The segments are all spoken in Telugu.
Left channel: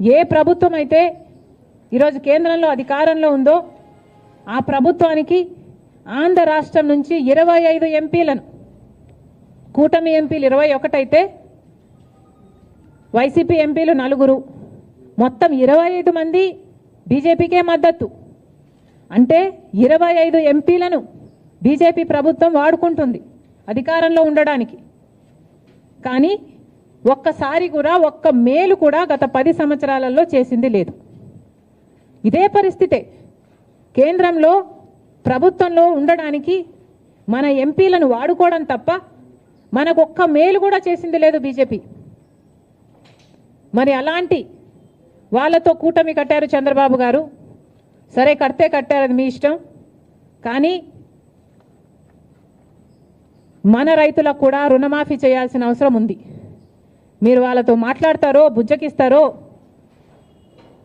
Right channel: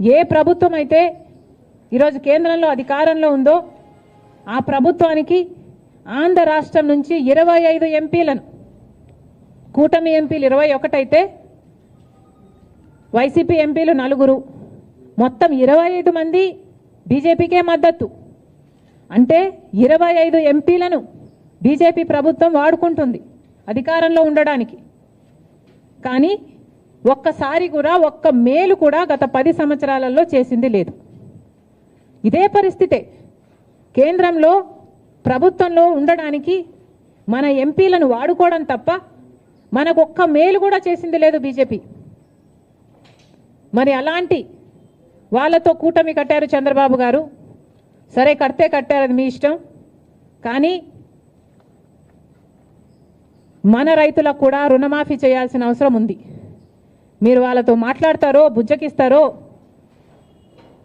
ఏ ప్రభుత్వం అయితే ఈరోజు కేంద్రంలో అధికారంలో ఉందో ఆ ప్రభుత్వానికి ఆంధ్ర రాష్ట్రం నుంచి 25 ఎంపీలను, కూటమి ఎంపీలు 21 అయితే వైసీపీ ఎంపీలు 4, మొత్తం 25 మంది బీజేపీకే మద్దతు. అంటే 25 ఎంపీలను బీజేపీ ప్రభుత్వం వాడుకుంటుంది అధికారంలో ఉండడానికి. కానీ ఒక్కసారి కూడా ఒక్క మేలు కూడా గత 10 సంవత్సరాలలో చేసింది లేదు. ఇదే పరిస్థితే కేంద్రంలో ప్రభుత్వంలో ఉండడానికి మన ఎంపీలను వాడుకోవడం తప్ప మనకు ఒక్క మేలు కూడా చేసింది లేదు బీజేపీ. మరి అలాంటి వాళ్ళతో కూటమి కట్టారు చంద్రబాబు గారు. సరే, కడితే కట్టారని మీ ఇష్టం. కానీ మన రైతులకు కూడా రుణమాఫీ చేయాల్సిన అవసరం ఉంది. మీరు వాళ్ళతో మాట్లాడతారో, బుజ్జకిస్తారో,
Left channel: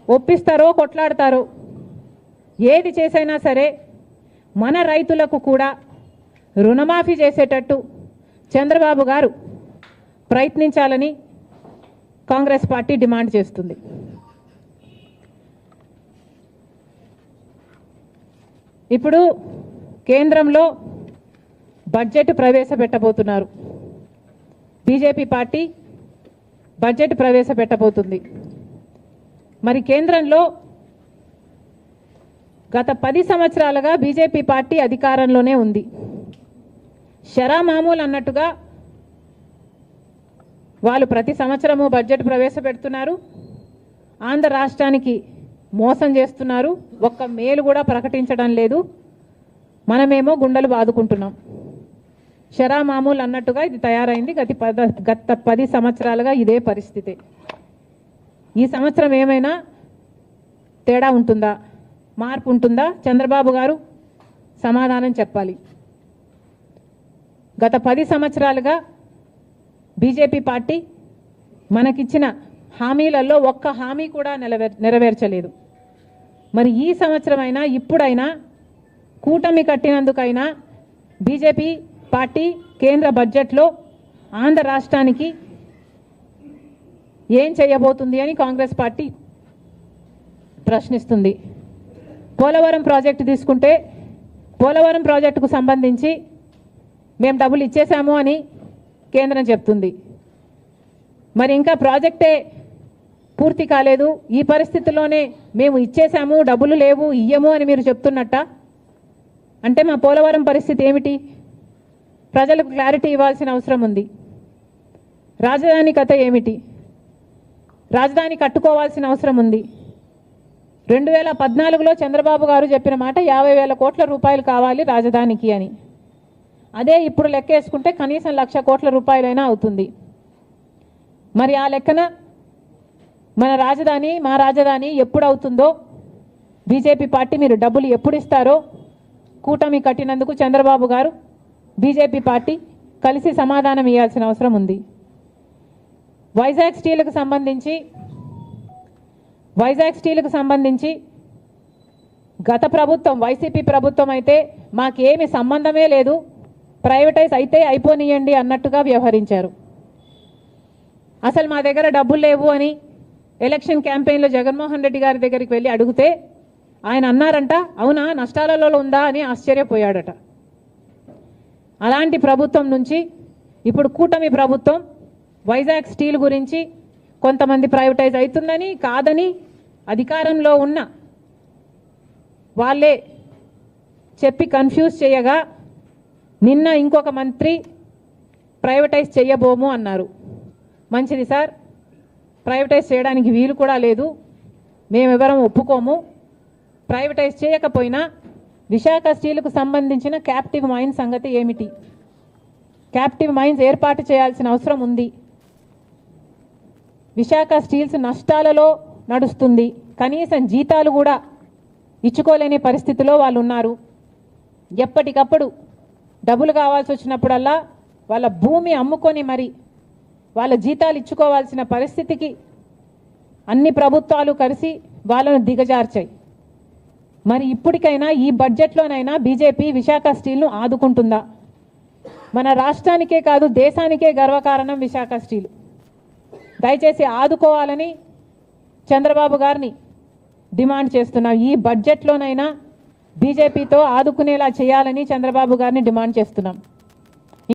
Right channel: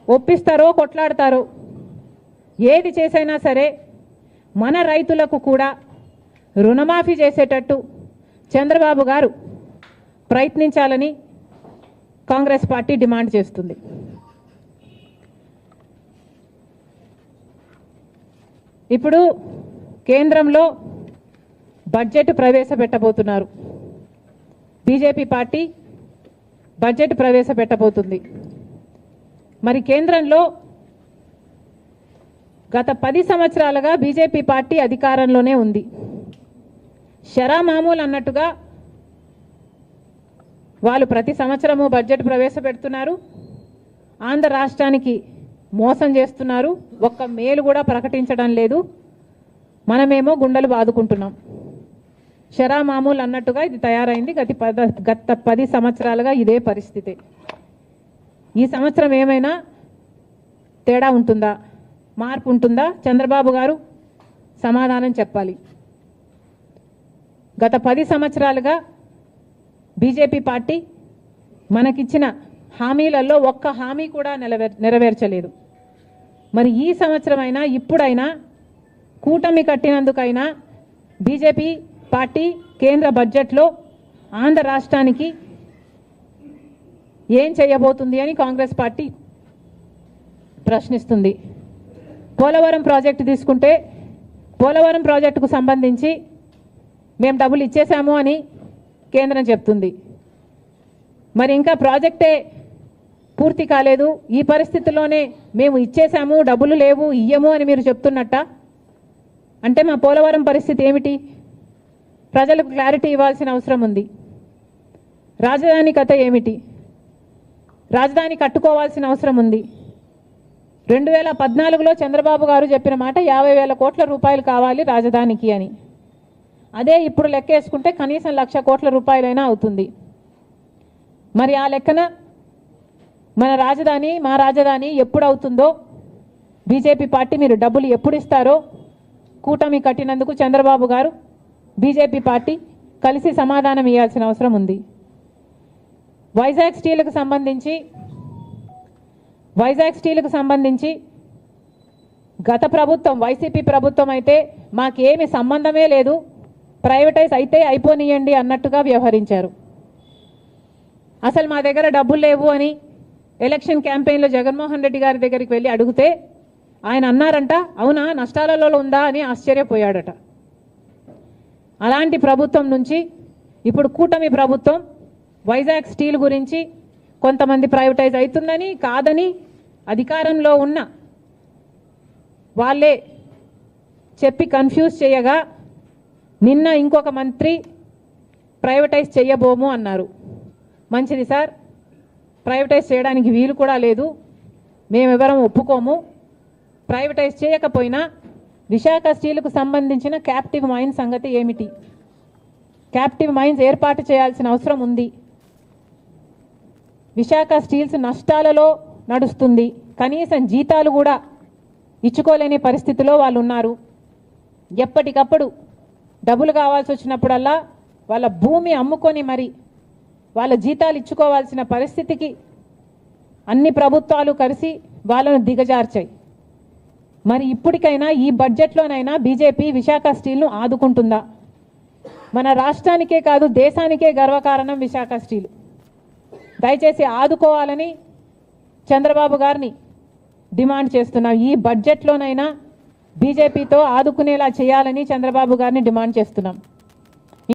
ఒప్పిస్తారో, కొట్లాడతారో, ఏది చేసైనా సరే మన రైతులకు కూడా రుణమాఫీ చేసేటట్టు చంద్రబాబు గారు ప్రయత్నించాలని కాంగ్రెస్ పార్టీ డిమాండ్ చేస్తుంది. ఇప్పుడు కేంద్రంలో బడ్జెట్ ప్రవేశపెట్టబోతున్నారు. బీజేపీ పార్టీ బడ్జెట్ ప్రవేశపెట్టబోతుంది. మరి కేంద్రంలో గత 10 సంవత్సరాలుగా బీజేపీ పార్టీ అధికారంలోనే ఉంది. షరా మామూలు అన్నట్టుగా వాళ్ళు ప్రతి సంవత్సరము బడ్జెట్ ప్రవేశపెడుతున్నారు. ఆంధ్ర రాష్ట్రానికి మోసం చేస్తున్నారు. ఒక్క మేలు కూడా ప్రకటించడం లేదు. మనమేమో గుండెలు బాదుకుంటున్నాం. షరా మామూలు అన్నట్టుగా ఇది తయారైంది. గత 10 సంవత్సరాలుగా ఇదే పరిస్థితి. ఈ సంవత్సరం ఏమైనా తేడా ఉంటుందా, మార్పు ఉంటుందా? చంద్రబాబు గారు సమాధానం చెప్పాలి. గత 10 సంవత్సరాలుగా బీజేపీ పార్టీ మనకిచ్చిన హామీలలో ఒక్క హామీ కూడా నెరవేర్చలేదు. మరి ఈ సంవత్సరమైనా, ఇప్పుడైనా, కూటమి కట్టినందుకైనా బీజేపీ పార్టీ కేంద్ర బడ్జెట్లో ఆంధ్ర రాష్ట్రానికి ఏం చేయబోతుంది అని కాంగ్రెస్ పార్టీ ప్రశ్నిస్తుంది. పోలవరం ప్రాజెక్టు తీసుకుంటే పోలవరం ప్రాజెక్టుకు సంబంధించి మేము డబ్బులు ఇచ్చేసాము అని కేంద్రం చెప్తుంది. మరి ఇంకా ప్రాజెక్టే పూర్తి కాలేదు. ఈ పరిస్థితుల్లోనే మేము ఇచ్చేసాము, డబ్బులు లేవు, ఇయ్యము అని మీరు చెప్తున్నట్ట. అంటే మా పోలవరం పరిస్థితి ఏమిటి? ప్రజలకు క్లారిటీ ఇవ్వాల్సిన అవసరం ఉంది. రాజధాని కథ ఏమిటి? రాజధాని కట్టుకోవాల్సిన అవసరం ఉంది. 2014లో చంద్రబాబు గారు చెప్పిన మాట 50,000 కోట్ల రూపాయలు కావాలి రాజధానికి అని. అదే ఇప్పుడు లెక్కేసుకుంటే కనీసం 1,00,000 కోట్ల రూపాయలైనా అవుతుంది. మరి ఆ లెక్కన మా రాజధాని ఎప్పుడు అవుతుందో, బీజేపీ పార్టీ మీరు డబ్బులు ఎప్పుడు ఇస్తారో కూటమి కట్టినందుకు చంద్రబాబు గారు, బీజేపీ పార్టీ కలిసి సమాధానం ఇవ్వాల్సిన అవసరం ఉంది. వైజాగ్ స్టీల్కు సంబంధించి గత ప్రభుత్వం, వైసీపీ ప్రభుత్వం అయితే మాకేమి సంబంధమే లేదు, ప్రైవేటైజ్ అయితే అయిపోనియండి అన్నట్టుగా వ్యవహరించారు. అసలు మా దగ్గర డబ్బులు లేవు అని ఎలక్షన్ క్యాంపెయిన్లో జగన్మోహన్ రెడ్డి గారి దగ్గరికి వెళ్ళి అడిగితే ఆయన అన్నారంట, అవునా నష్టాలలో ఉందా అని ఆశ్చర్యపోయాడట. అలాంటి ప్రభుత్వం నుంచి ఇప్పుడు కూటమి ప్రభుత్వం వైజాగ్ స్టీల్ గురించి కొంతమంది ప్రైవేటైజ్ అవుతుందని, కాదని అధికారంలో ఉన్న వాళ్ళే చెప్పి కన్ఫ్యూజ్ చేయగా నిన్న ఇంకొక మంత్రి ప్రైవేటైజ్ చేయబోము అన్నారు. మంచిది సార్, ప్రైవేటైజ్ చేయడానికి వీలు కూడా లేదు, మేమెవరం ఒప్పుకోము. ప్రైవేటైజ్ చేయకపోయినా విశాఖ స్టీల్కు సంబంధించిన క్యాప్టివ్ మైన్స్ సంగతి ఏమిటి? క్యాప్టివ్ మైన్స్ ఏర్పాటు చేయాల్సిన అవసరం ఉంది. విశాఖ స్టీల్స్ నష్టాలలో నడుస్తుంది. కనీసం జీతాలు కూడా ఇచ్చుకోలేని పరిస్థితిలో వాళ్ళు ఉన్నారు. ఎప్పటికప్పుడు డబ్బులు కావాల్సి వచ్చినప్పుడల్లా వాళ్ళ భూమి అమ్ముకొని మరి వాళ్ళ జీతాలు ఇచ్చుకోవాల్సిన పరిస్థితికి అన్ని ప్రభుత్వాలు కలిసి వాళ్ళను దిగజార్చాయి. మరి ఇప్పటికైనా ఈ బడ్జెట్లోనైనా బీజేపీ విశాఖ స్టీల్ను ఆదుకుంటుందా? మన రాష్ట్రానికే కాదు దేశానికే గర్వకారణం విశాఖ స్టీల్. దయచేసి ఆదుకోవాలని చంద్రబాబు గారిని డిమాండ్ చేస్తున్నాం. ఈ బడ్జెట్లోనైనా బీజేపీతో ఆదుకునేలా చేయాలని చంద్రబాబు గారిని డిమాండ్ చేస్తున్నాం.